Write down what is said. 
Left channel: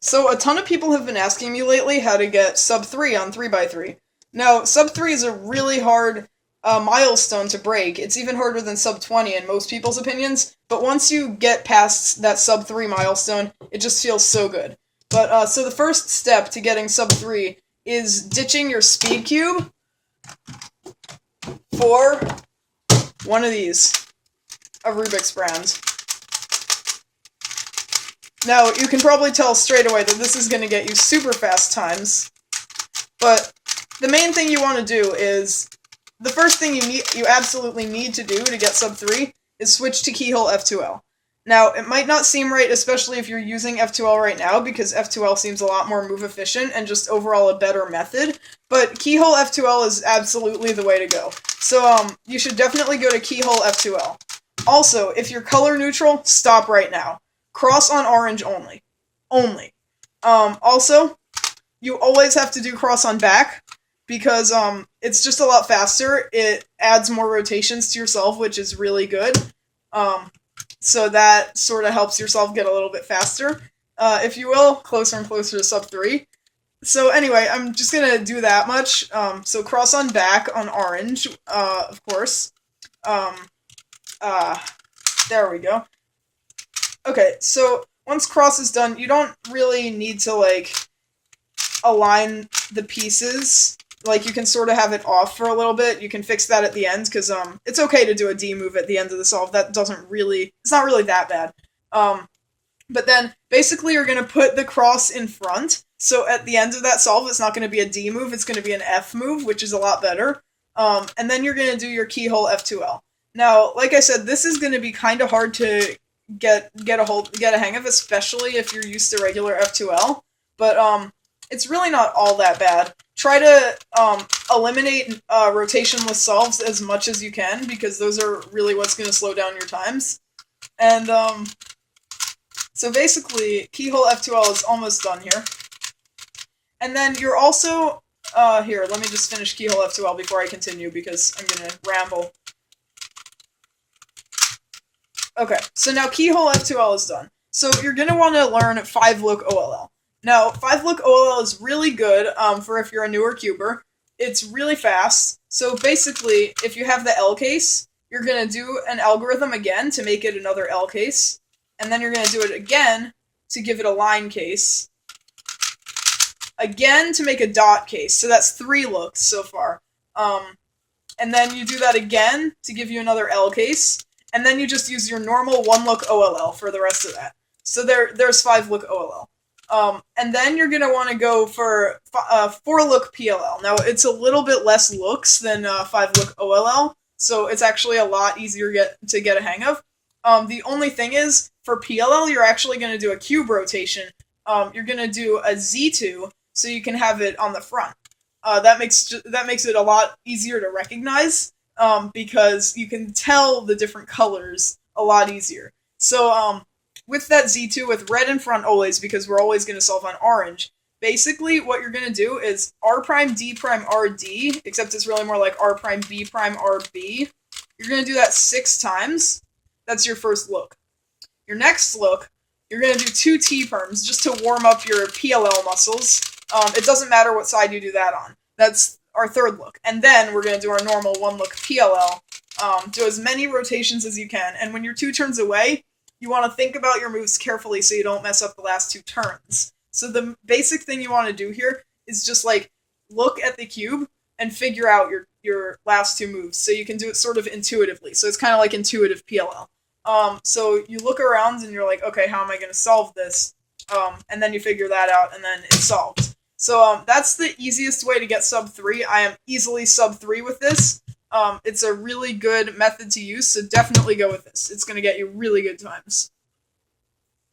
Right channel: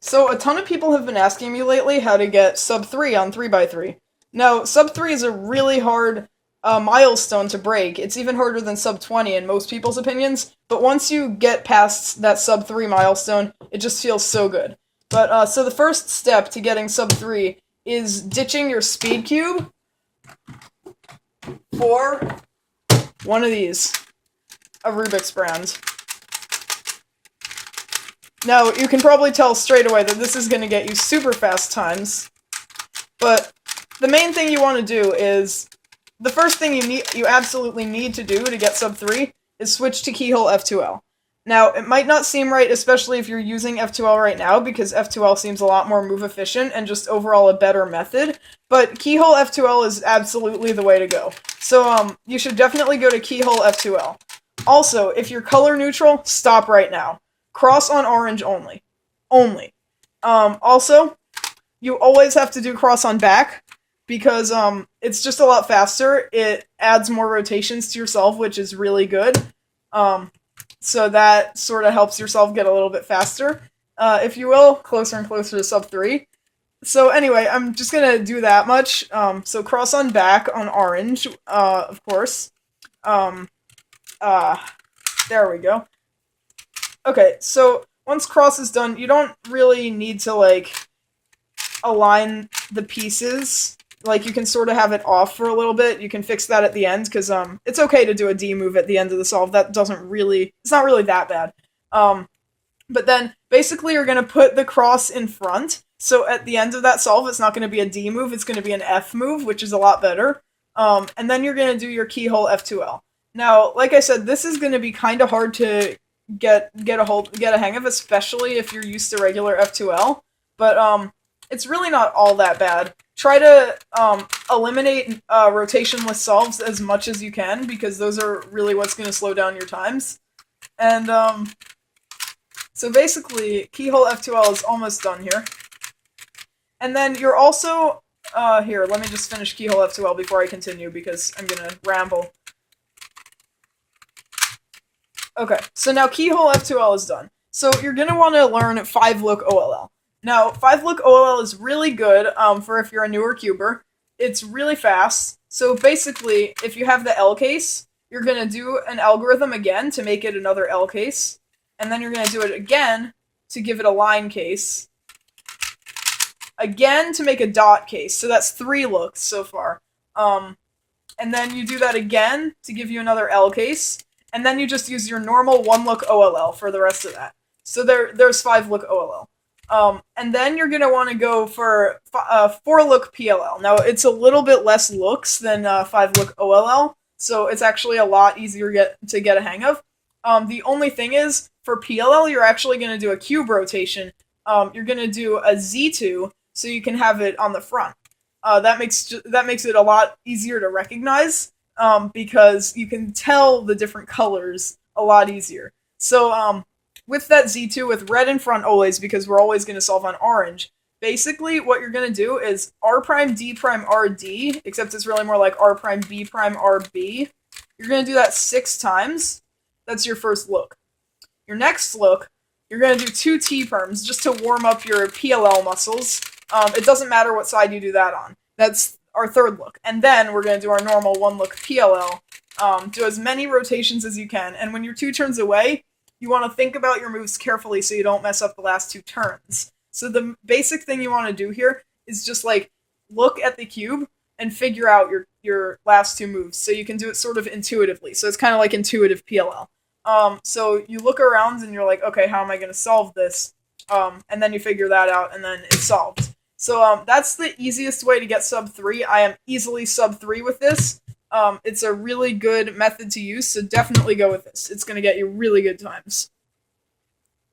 So a ton of people have been asking me lately how to get sub 3 on 3x3. Now, sub 3 is a really hard milestone to break. It's even harder than sub 20 in most people's opinions, but once you get past that sub 3 milestone, it just feels so good. But so the first step to getting sub 3 is ditching your speed cube for one of these, a Rubik's brand. Now, you can probably tell straight away that this is going to get you super fast times, but the main thing you want to do is, the first thing you absolutely need to do to get sub 3 is switch to Keyhole F2L. Now, it might not seem right, especially if you're using F2L right now, because F2L seems a lot more move efficient and just overall a better method, but Keyhole F2L is absolutely the way to go. So, you should definitely go to Keyhole F2L. Also, if you're color neutral, stop right now. Cross on orange only. Only. Also, you always have to do cross on back, because it's just a lot faster. It adds more rotations to yourself, which is really good. So that sort of helps yourself get a little bit faster, if you will, closer and closer to sub 3. So anyway, I'm just gonna do that much. So cross on back on orange, of course. There we go. Okay, so once cross is done, you don't really need to, like, align the pieces. Like, you can sort of have it off for a little bit. You can fix that at the end, because, it's okay to do a D move at the end of the solve. That doesn't really, it's not really that bad. But then, basically, you're going to put the cross in front. So at the end of that solve, it's not going to be a D move, it's going to be an F move, which is a lot better. And then you're going to do your Keyhole F2L. Now, like I said, this is going to be kind of hard to get a hang of, especially if you're used to regular F2L, but it's really not all that bad. Try to eliminate rotationless solves as much as you can, because those are really what's going to slow down your times. And so basically, Keyhole F2L is almost done here. And then you're also here, let me just finish Keyhole F2L before I continue, because I'm going to ramble. Okay, so now Keyhole F2L is done. So you're going to want to learn 5-look OLL. Now, 5-look OLL is really good for if you're a newer cuber. It's really fast. So basically, if you have the L case, you're going to do an algorithm again to make it another L case. And then you're going to do it again to give it a line case. Again to make a dot case. So that's 3 looks so far. And then you do that again to give you another L case. And then you just use your normal 1-look OLL for the rest of that. So there's 5-look OLL. And then you're going to want to go for 4-look PLL. Now, it's a little bit less looks than 5-look OLL, so it's actually a lot easier to get a hang of. The only thing is, for PLL, you're actually going to do a cube rotation. You're going to do a Z2, so you can have it on the front. That makes it a lot easier to recognize, because you can tell the different colors a lot easier. So, with that Z2 with red in front always, because we're always going to solve on orange, basically what you're going to do is R prime D prime RD, except it's really more like R prime B prime RB. You're going to do that 6 times. That's your first look. Your next look, you're going to do 2 T perms just to warm up your PLL muscles. It doesn't matter what side you do that on. That's our third look. And then we're going to do our normal 1-look PLL. Do as many rotations as you can. And when you're 2 turns away, you want to think about your moves carefully so you don't mess up the last 2 turns. So the basic thing you want to do here is just, like, look at the cube and figure out your last 2 moves. So you can do it sort of intuitively. So it's kind of like intuitive PLL. So you look around and you're like, okay, how am I going to solve this? And then you figure that out, and then it's solved. So that's the easiest way to get sub 3. I am easily sub 3 with this. It's a really good method to use, so definitely go with this. It's going to get you really good times.